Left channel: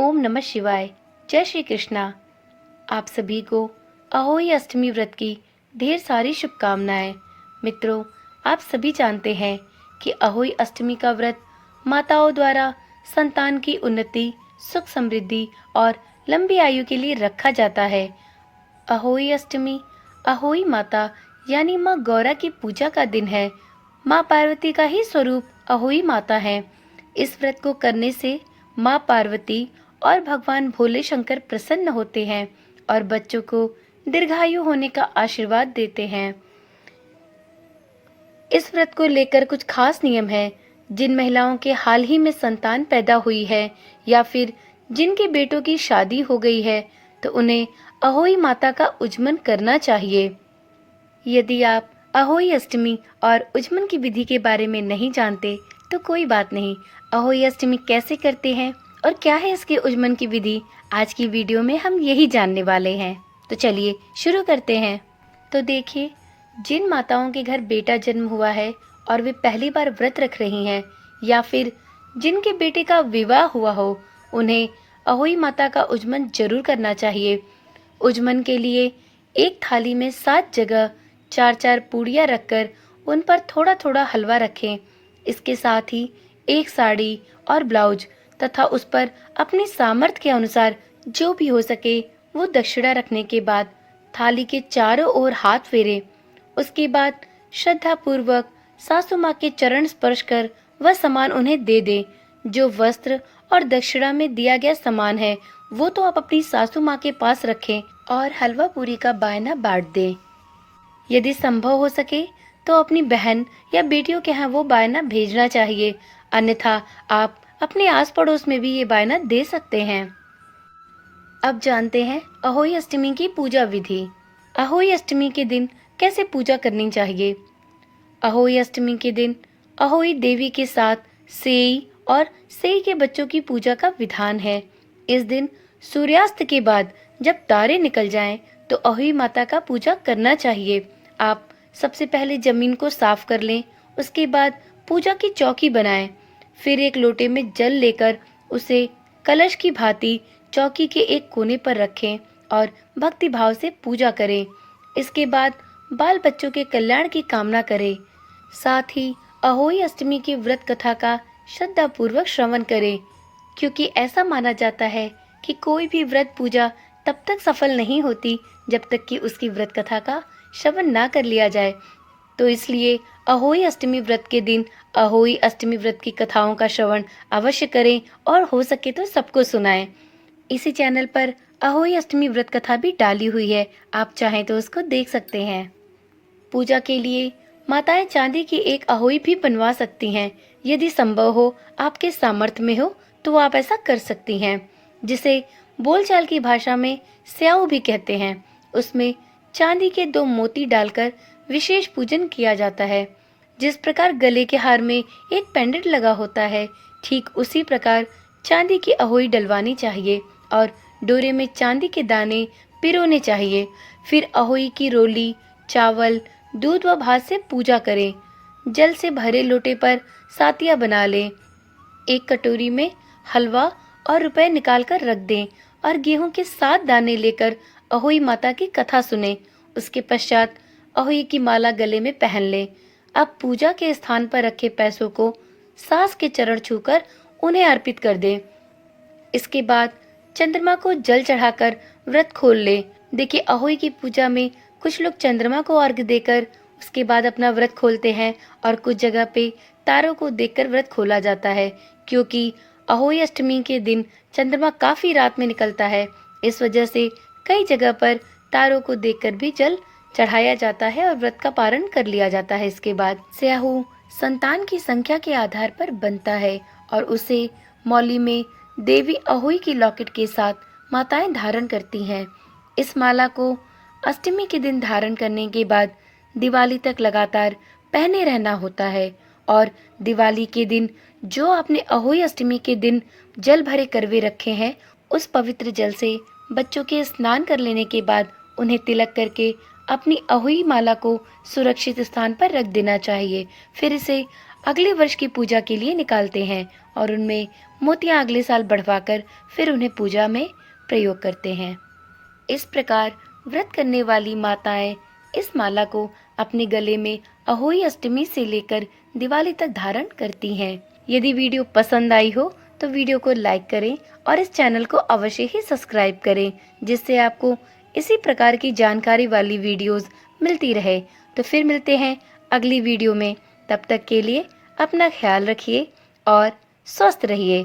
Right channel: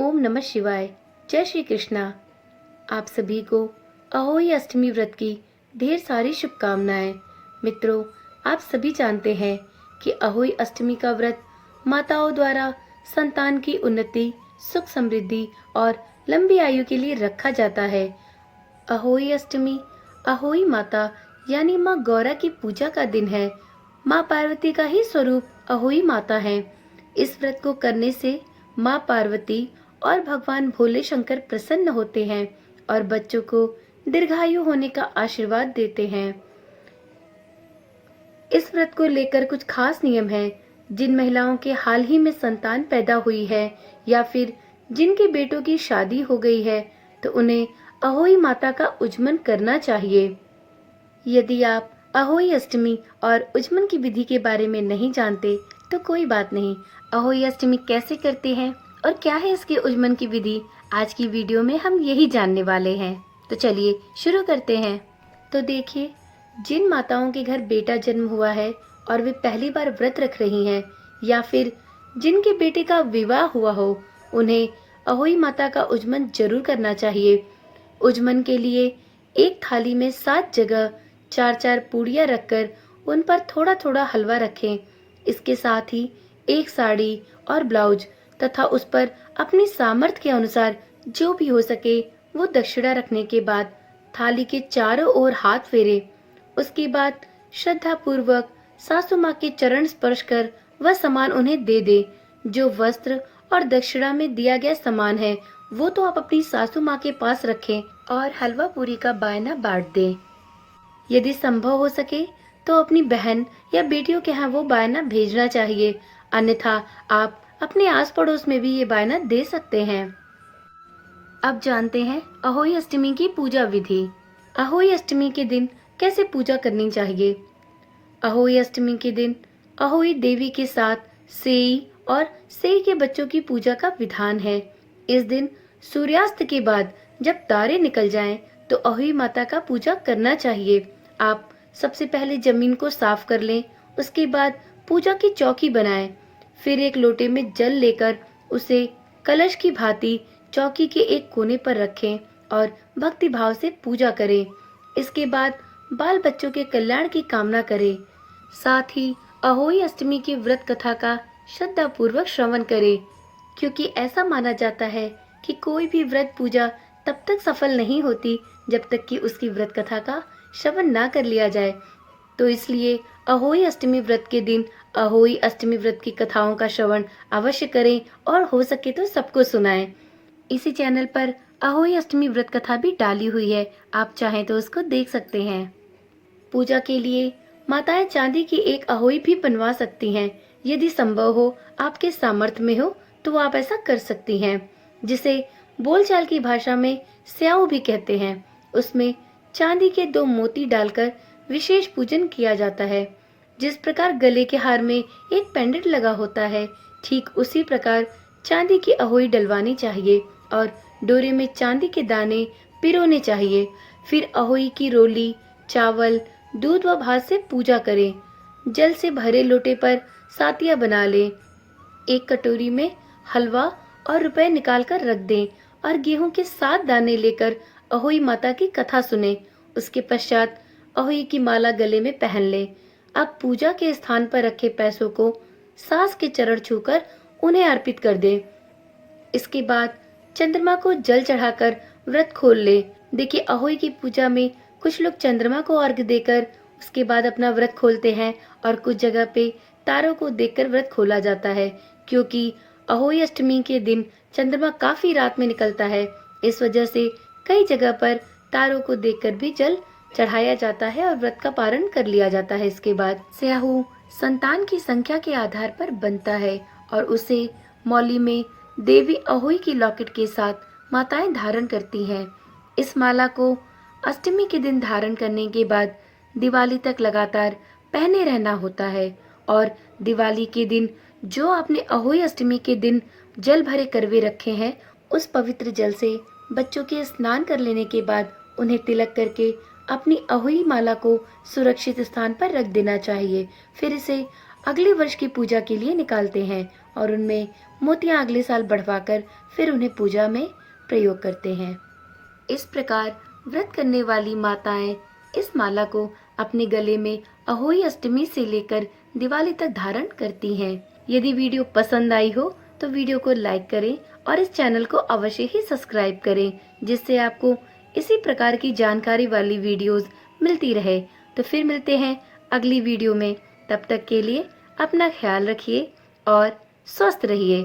ओम नमः शिवाय। जय श्री कृष्णा। आप सभी को अहोई अष्टमी व्रत की ढेर सारी शुभकामनाएं। मित्रों, आप सभी जानते हैं कि अहोई अष्टमी का व्रत माताओं द्वारा संतान की उन्नति, सुख समृद्धि और लंबी आयु के लिए रखा जाता है। अहोई अष्टमी अहोई माता यानी माँ गौरा की पूजा का दिन है। माँ पार्वती का ही स्वरूप अहोई माता है। इस व्रत को करने से माँ पार्वती और भगवान भोले शंकर प्रसन्न होते हैं और बच्चों को दीर्घायु होने का आशीर्वाद देते हैं। इस व्रत को लेकर कुछ खास नियम है। जिन महिलाओं के हाल ही में संतान पैदा हुई है या फिर जिनके बेटों की शादी हो गई है, तो उन्हें अहोई माता का उज्जमन करना चाहिए। यदि आप अहोई अष्टमी और उज्जमन की विधि के बारे में नहीं जानते तो कोई बात नहीं। अहोई अष्टमी कैसे करते हैं और क्या है इसके उज्जमन की विधि, आज की वीडियो में हम यही जानने वाले हैं। तो चलिए शुरू करते हैं। तो देखिए, जिन माताओं के घर बेटा जन्म हुआ है और वे पहली बार व्रत रख रही हैं या फिर जिनके बेटे का विवाह हुआ हो, उन्हें अहोई माता का उज्जमन जरूर करना चाहिए। उज्जमन के लिए एक थाली में 7 जगह 4-4 पूड़ियाँ रखकर उन पर थोड़ा थोड़ा हलवा रखें। इसके साथ ही एक साड़ी और ब्लाउज तथा उस पर अपनी सामर्थ्य के अनुसार जो भी हो सके वो दक्षिणा रखने के बाद थाली के चारों ओर हाथ फेरे। उसके बाद श्रद्धा पूर्वक सासू माँ के चरण स्पर्श कर वह सामान उन्हें दे दे। जो वस्त्र और दक्षिणा में दिया गया सामान है वो तो आप अपनी सासू माँ के पास रखें और हलवा पूरी का बायना बांट दें। यदि संभव हो सके तो अपनी बहन या बेटियों के यहाँ वो बायना भेजना चाहिए, अन्यथा आप अपने आस पड़ोस में भी ये बायना दे सकते हैं। अब जानते हैं अहोई अष्टमी की पूजा विधि। अहोई अष्टमी के दिन कैसे पूजा करनी चाहिए। अहोई अष्टमी के दिन अहोई देवी के साथ सेई और सेई के बच्चों की पूजा का विधान है। इस दिन सूर्यास्त के बाद जब तारे निकल जाएं, तो अहोई माता का पूजा करना चाहिए। आप सबसे पहले जमीन को साफ कर लें, उसके बाद पूजा की चौकी बनाएं। फिर एक लोटे में जल लेकर उसे कलश की भांति चौकी के एक कोने पर रखें और भक्ति भाव से पूजा करें। इसके बाद बाल बच्चों के कल्याण की कामना करें। साथ ही अहोई अष्टमी की व्रत कथा का श्रद्धा पूर्वक श्रवण करें, क्योंकि ऐसा माना जाता है कि कोई भी व्रत पूजा तब तक सफल नहीं होती जब तक कि उसकी व्रत कथा का श्रवण ना कर लिया जाए। तो इसलिए अहोई अष्टमी व्रत के दिन अहोई अष्टमी व्रत की कथाओं का श्रवण अवश्य करें और हो सके तो सबको सुनाएं। इसी चैनल पर अहोई अष्टमी व्रत कथा भी डाली हुई है, आप चाहें तो उसको देख सकते हैं। पूजा के लिए माताएं चांदी की एक अहोई भी बनवा सकती हैं। यदि संभव हो, आपके सामर्थ्य में हो, तो आप ऐसा कर सकती हैं, जिसे बोलचाल की भाषा में स्याऊ भी कहते हैं। उसमें चांदी के 2 मोती डालकर विशेष पूजन किया जाता है। जिस प्रकार गले के हार में एक पेंडेंट लगा होता है, ठीक उसी प्रकार चांदी की अहोई डलवानी चाहिए और डोरे में चांदी के दाने पिरोने चाहिए। फिर अहोई की रोली, चावल, दूध व भात से पूजा करें। जल से भरे लोटे पर सातिया बना लें। एक कटोरी में हलवा और रुपए निकाल कर रख दें और गेहूं के 7 दाने लेकर अहोई माता की कथा सुने। उसके पश्चात अहोई की माला गले में पहन लें। अब पूजा के स्थान पर रखे पैसों को सास के चरण छूकर उन्हें अर्पित कर दें। इसके बाद चंद्रमा को जल चढ़ाकर व्रत खोल ले। देखिए, अहोई की पूजा में कुछ लोग चंद्रमा को अर्घ्य देकर उसके बाद अपना व्रत खोलते हैं और कुछ जगह पे तारों को देखकर व्रत खोला जाता है, क्योंकि अहोई अष्टमी के दिन चंद्रमा काफी रात में निकलता है। इस वजह से कई जगह पर तारों को देखकर भी जल चढ़ाया जाता है और व्रत का पारण कर लिया जाता है। इसके बाद स्याहू संतान की संख्या के आधार पर बनता है और उसे मौली में देवी अहोई की लॉकेट के साथ माताएं धारण करती हैं। इस माला को अष्टमी के दिन धारण करने के बाद दिवाली तक लगातार पहने रहना होता है और दिवाली के दिन जो आपने अहोई अष्टमी के दिन जल भरे करवे रखे हैं, उस पवित्र जल से बच्चों के स्नान कर लेने के बाद उन्हें तिलक करके अपनी अहोई माला को सुरक्षित स्थान पर रख देना चाहिए। फिर इसे अगले वर्ष की पूजा के लिए निकालते हैं और उनमें मोतियां अगले साल बढ़वाकर फिर उन्हें पूजा में प्रयोग करते हैं। इस प्रकार व्रत करने वाली माताएं इस माला को अपने गले में अहोई अष्टमी से लेकर दिवाली तक धारण करती हैं। यदि वीडियो पसंद आई हो तो वीडियो को लाइक करें और इस चैनल को अवश्य ही सब्सक्राइब करें, जिससे आपको इसी प्रकार की जानकारी वाली वीडियोस मिलती रहे। तो फिर मिलते हैं अगली वीडियो में। तब तक के लिए अपना ख्याल रखिए और स्वस्थ रहिए।